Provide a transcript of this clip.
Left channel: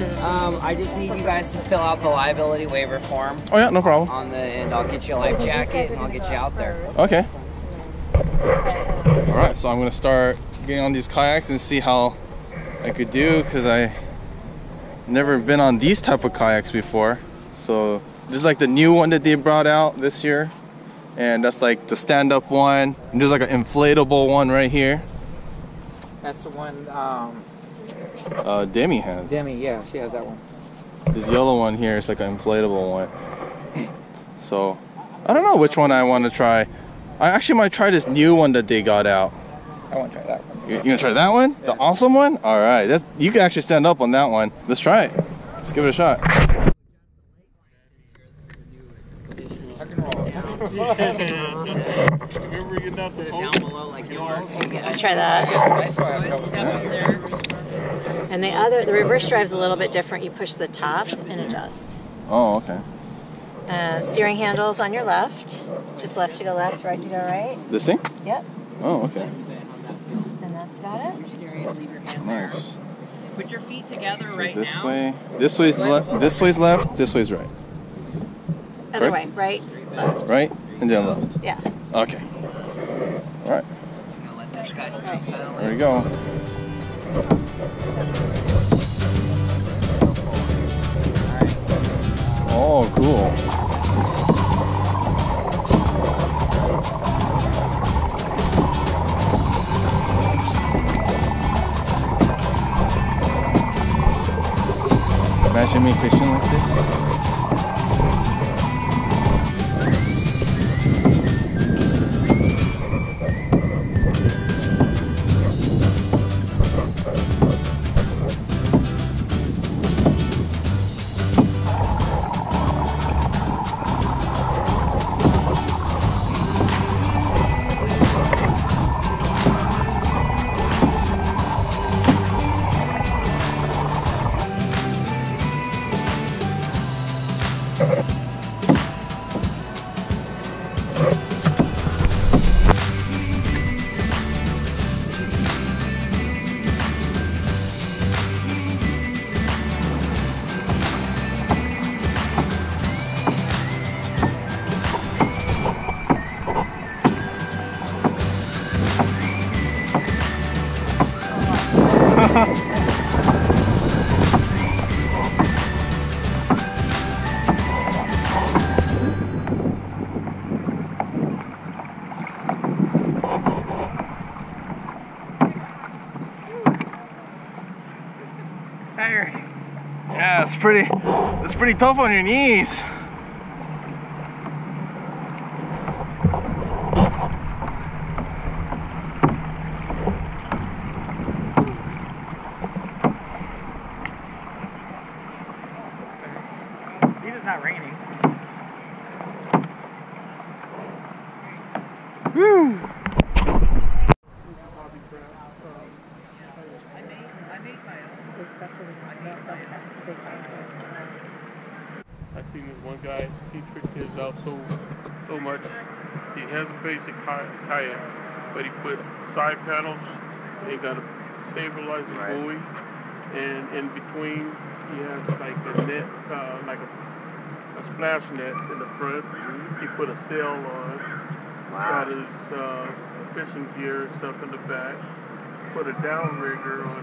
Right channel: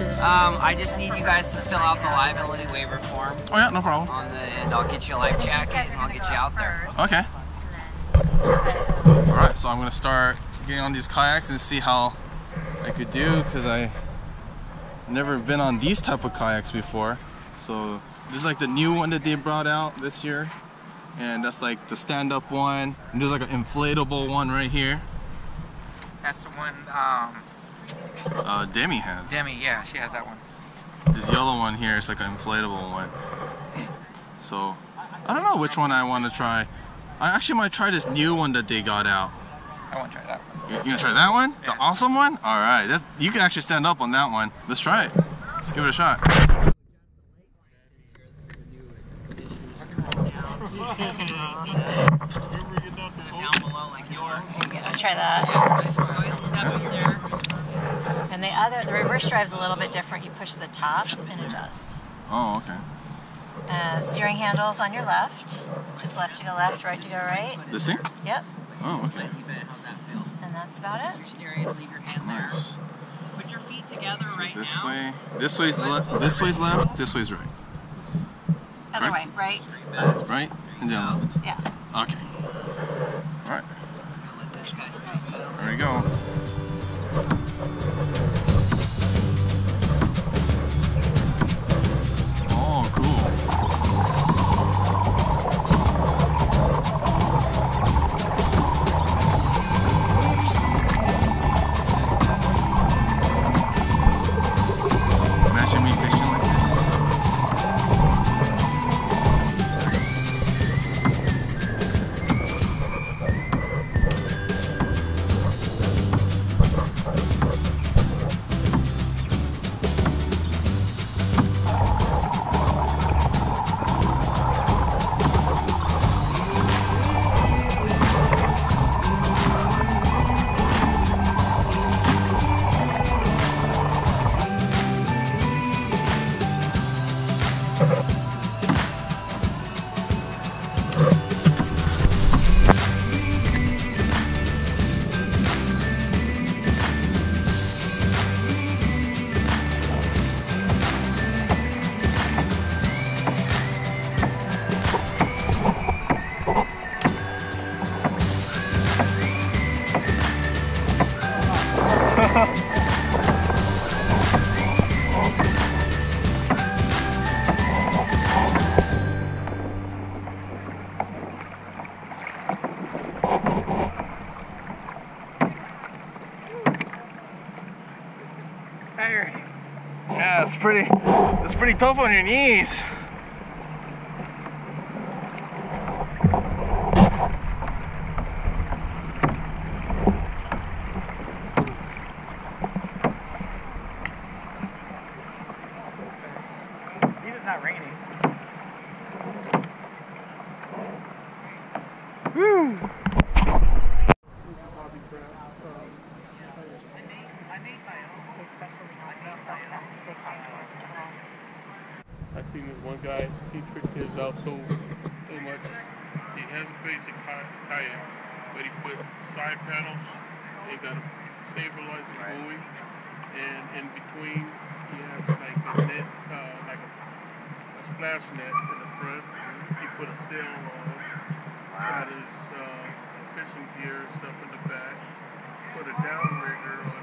I just need you guys to fill out the liability waiver form. Oh yeah, no problem. And I'll get you a life jacket and I'll get you out there. Okay. All right, so I'm gonna start getting on these kayaks and see how I could do, because I never been on these type of kayaks before. So this is like the new one that they brought out this year, and that's like the stand-up one. And there's like an inflatable one right here. That's the one Demi has. Demi, yeah, she has that one. This yellow one here is like an inflatable one. So I don't know which one I want to try. I actually might try this new one that they got out. I want to try that one. You gonna try that one? Yeah. The awesome one? All right, you can actually stand up on that one. Let's try it. Let's give it a shot. Sit it down below like yours. I'll try that. Go ahead and step in there. And the reverse drive's a little bit different. You push the top and adjust. Oh, okay. Steering handles on your left. Just left to go left, right to go right. This thing? Yep. Oh, okay. And that's about it. Nice. Put your feet together So right this now. way. This way's left. This way's left. This way's right. Other Correct? way, right, left. Right, and then left. Yeah. Okay. All right. Let this guy step down. There we go. Oh, cool. Imagine me fishing like this. Yeah, it's pretty tough on your knees. It's not raining. Woo! I seen this one guy, he tricked his out so much. He has a basic kayak, but he put side panels, he got a stabilizing buoy, and in between he has like a net, like a splash net in the front. He put a sail on, got his fishing gear and stuff in the back, put a downrigger on